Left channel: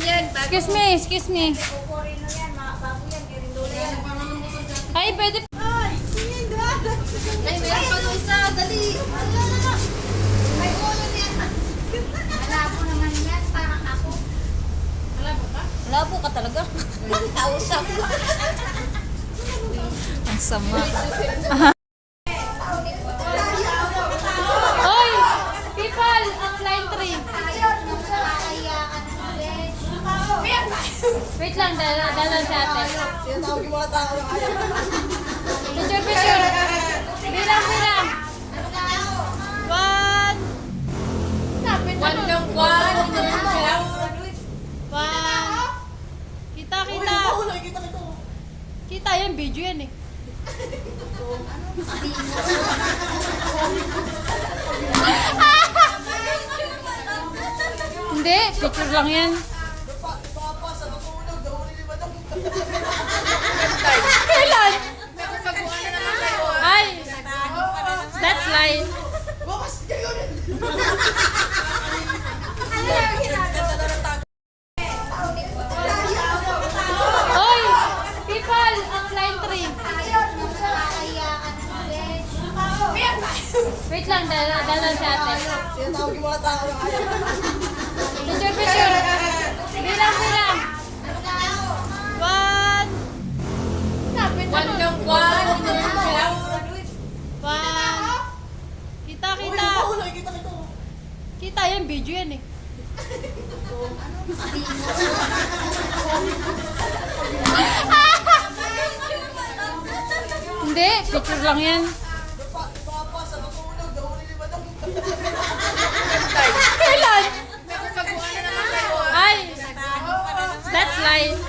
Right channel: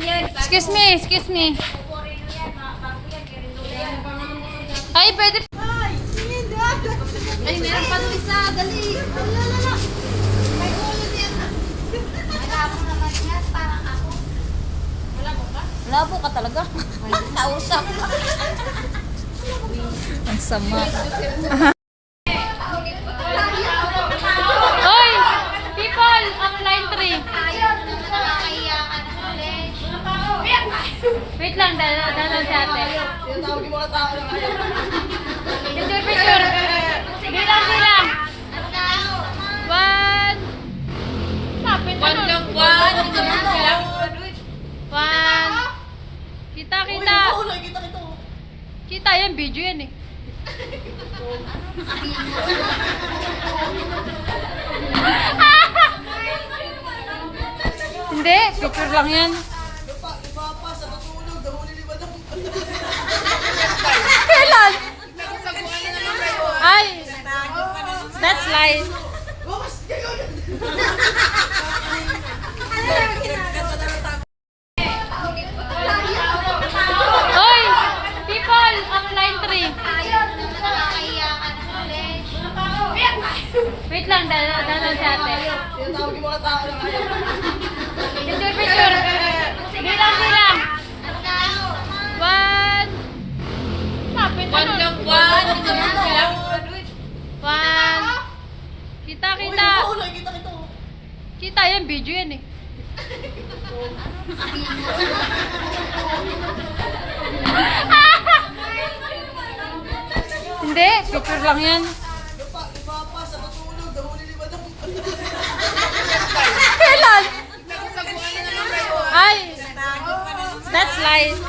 Excuse me, excuse me. Ay, pwede. Ay, meron pa doon isa. Dali. May ulo yan. Malabo naman yan. Parang ako. Malabo ba? Labo ka talaga. Kausap. Ang sama. Hoy! People! Ang line 3. Ayaw nung nakakaiyakan ulit. Wait lang, dala si ate. Tinatawag yung mga tao ng ayaw. Picture, picture. Bilang, bilang. One. Lapit na nun. One. Kita, kita. Kita yan, video yan eh. Hindi, picture lang yan. Kailan? Ay, that's lies. Hoy, people, ang line 3. Ayaw nung nakakaiyakan ulit. Wait lang, dala si ate. Tinatawag yung mga tao ng ayaw. Picture, picture. Bilang, bilang. One. Lapit na nun. One. Kita, kita. Kita yan, video yan eh. Hindi, picture lang yan. Kailan? Ay, that's lies.